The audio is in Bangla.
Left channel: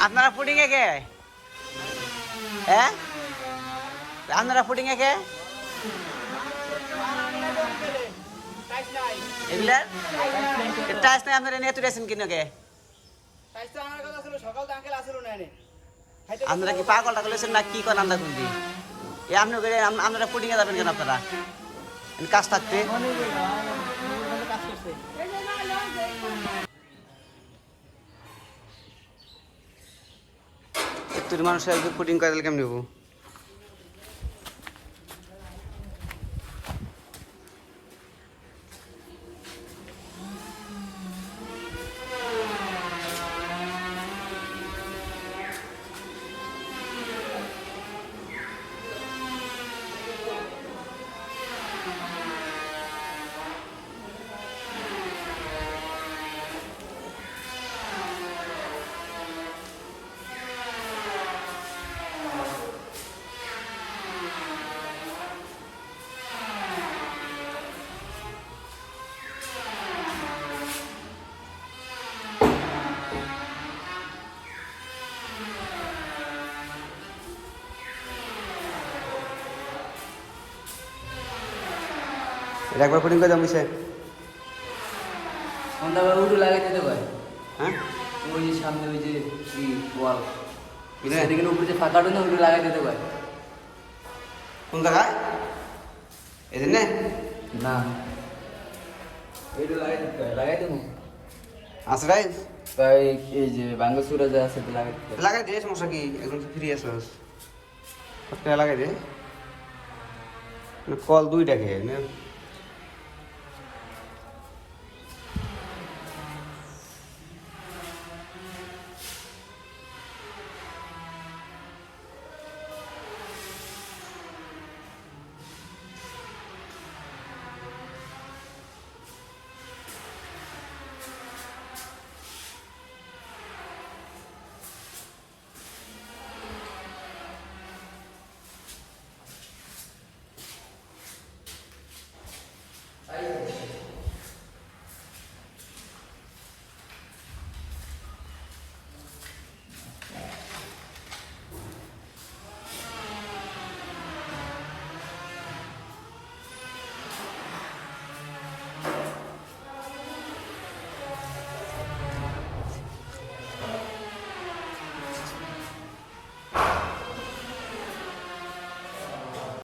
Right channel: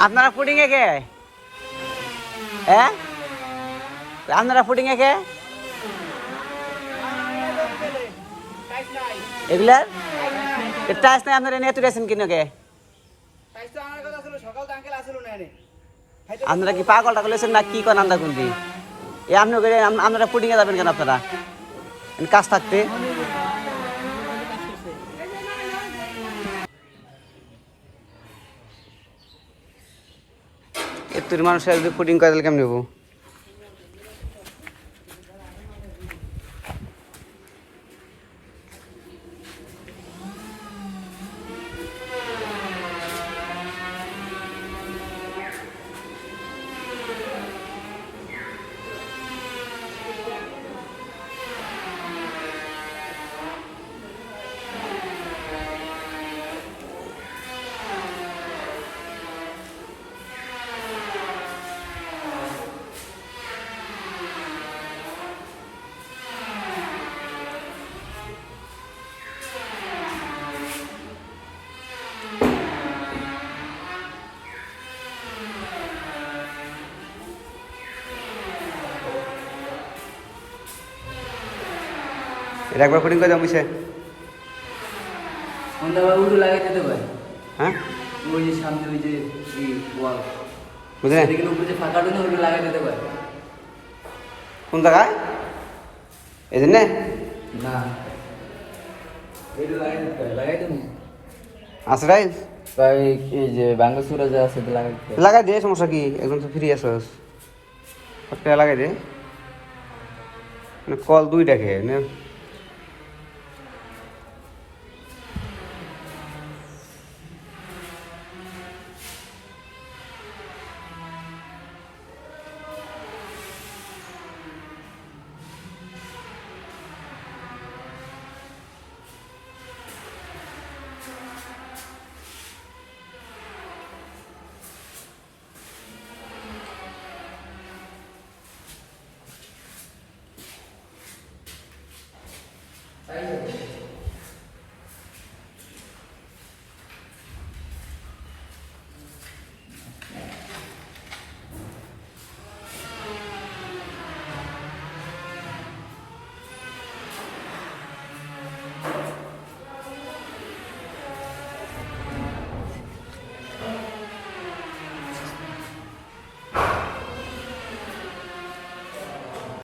আপনারা এ কে? হ্যাঁ? আপনারা ফুডিং এ কে? এগুলার টাইস নাই আপনারা নিয়ে তুলেছেন কিনে কে? আপনারা কি পাগল টাগল হয়েছেন না কি করেন আমরা কোনদি এ আপনি আপনারা এ যাবেন কেন আপনারা? কাজ থাকতে। এত্তর মানুষ একদিন ফুডিং করে দিলে কেমন নেব এটা একবার ফুডিং করে দেবো বুঝছে লাগাই দিতে ভাই হ্যাঁ? ওই যে সামনে ওই যে ওয়াল। উপরে ফাঁকা রয়েছে ওগুলো লাগাই দিতে ভাই কোন জায়গায়? এদিন না। আছে তাই এই যে বাঙ্গসুরে যা আছে লাগাই লাগাই দে সমস্যা কি? একদম তো ফ্রি সবটা লাগাই দে। মানে কল দুইটা খেয়ে